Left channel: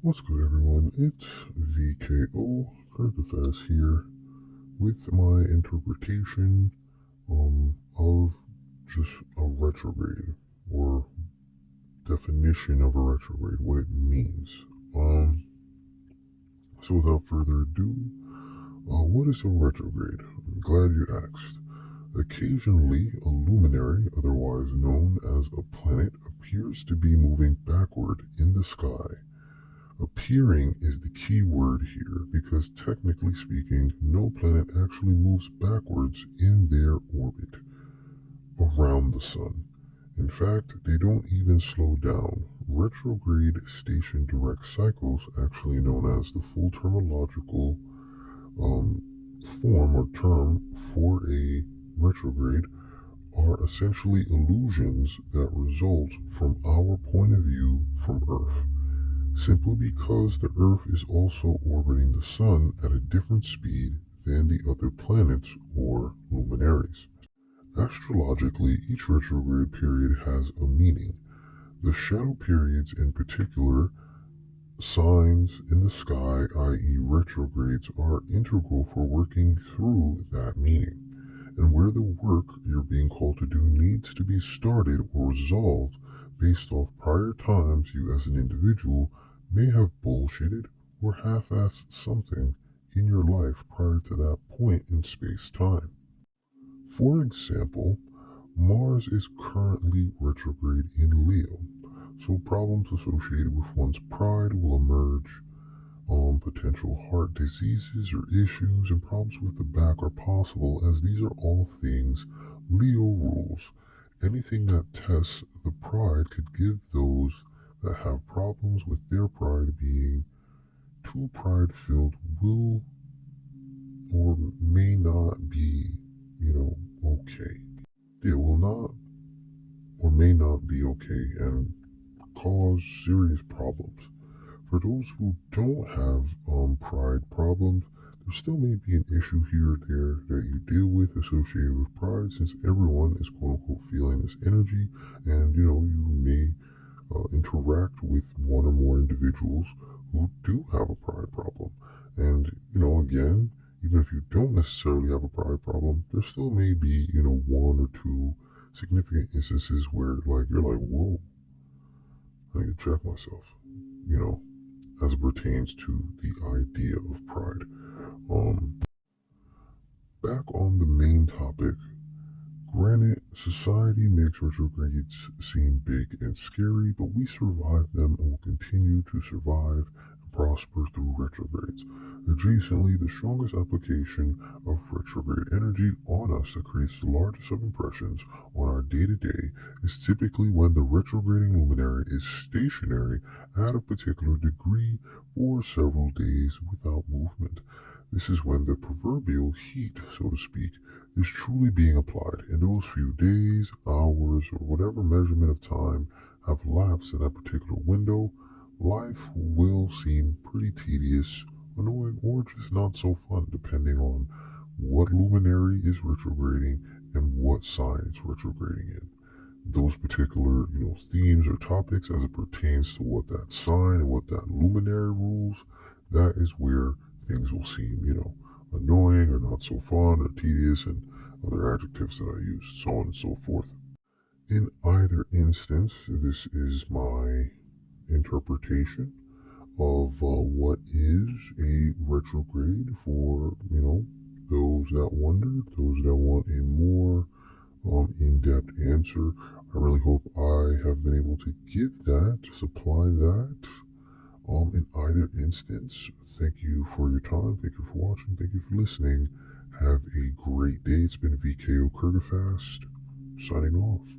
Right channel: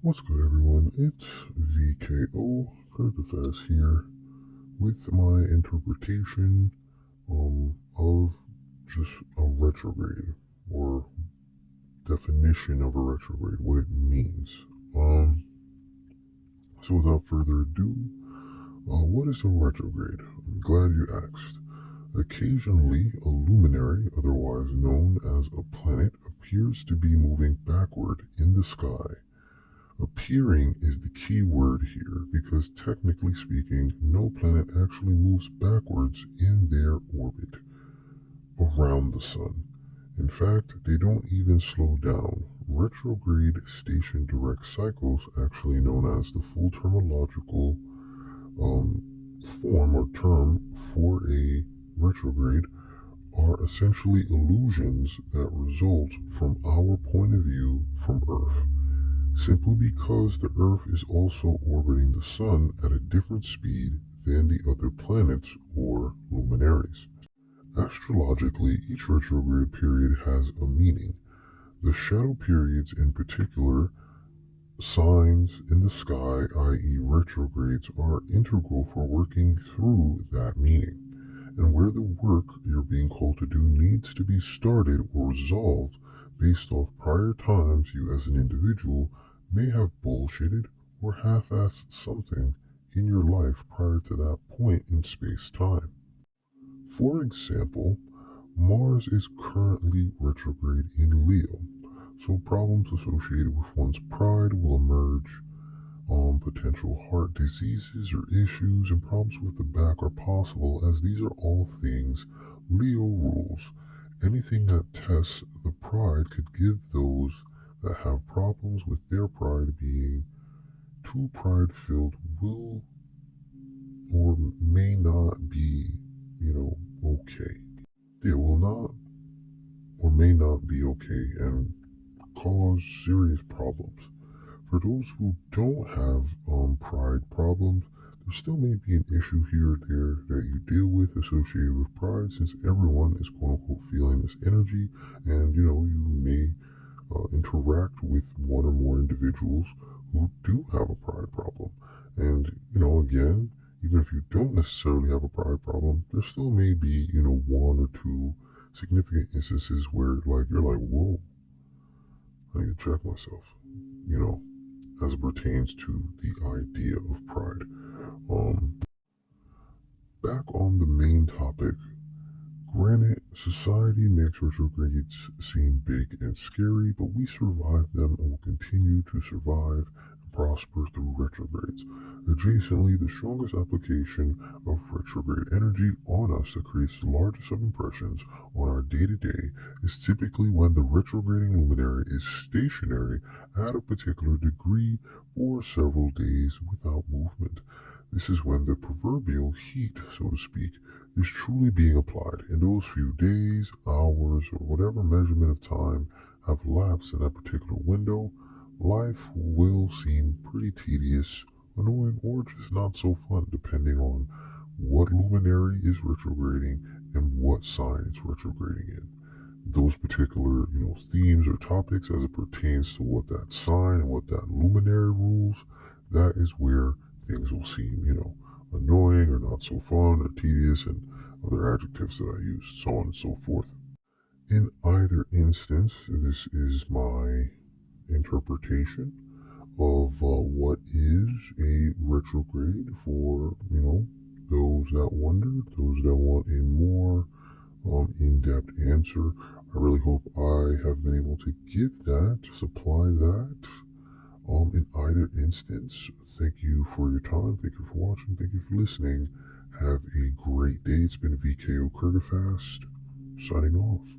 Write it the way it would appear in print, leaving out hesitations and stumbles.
What's good, everyone? It's V.K.O Kurgaphas here with my interpretation of just a retrograde, or definition of a retrograde, what it means. So without further ado, what is a retrograde? I'm glad you asked. Occasionally, a luminary, otherwise known as a planet, appears to be moving backward in the sky. Appearing is the key word here because, technically speaking, no planet actually moves backwards in their orbit around the sun. In fact, they don't even slow down. Retrograde station direct cycles, actually known as the full terminological form or term for a retrograde, are essentially illusions that result from our point of view from Earth, simply because the Earth is also orbiting the Sun at a different speed than the other planets or luminaries. Astrologically, each retrograde period has a meaning. The shadow periods, in particular, signs in the sky, i.e., retrogrades, are integral for working through that meaning. And where the work you're being called to do needs to be started or resolved based off prior times you as an individual may have bullshitted or half-assed something in your life prior to that point in space-time. For example, Mars is currently retrograde in Leo, so problems associated with one's pride will emerge. Potential heart diseases or issues and problems with the back are possible, as these are all things Leo rules. Anything that tests the pride could give those that have problems with their pride being too pride-filled will or may not be, okay. It will not or may not be okay and cause serious problems. For those who don't have pride problems, there still may be an issue here or there that you deal with associated with pride, since everyone is quote unquote feeling this energy, and you may interact with one or more individuals who do have a pride problem. And again, even if you don't necessarily have a pride problem, there still may be one or two significant instances where you're like, whoa, I need to check myself, as it pertains to the idea of pride. Back on the main topic, granted, society makes retrogrades seem big and scary, but we survive them and will continue to survive and prosper through retrogrades. Adjacently, the strongest application of retrograde energy on us that creates the largest of impressions on our day-to-day is typically when the retrograding luminary is stationary at a particular degree for several days without movement. This is when the proverbial heat, so to speak, is truly being applied, and those few days, hours, or whatever measurement of time have lapsed in that particular window, life will seem pretty tedious, annoying, or just not so fun, depending on what luminary is retrograding and what sign it's retrograding in. Those particular, themes or topics as it pertains to what that sign and what that luminary rules, that is where things will seem, annoying or not so fun or tedious, and other adjectives that I used, so on and so forth. In either instance, this is my interpretation of what is a retrograde for, those that wonder, those that want a more in-depth answer. I really hope I have been able to give that, supply that. In either instance, thank you for your time, thank you for watching, thank you for listening. Have a great day. It's been V.K.O Kurgaphas, signing off.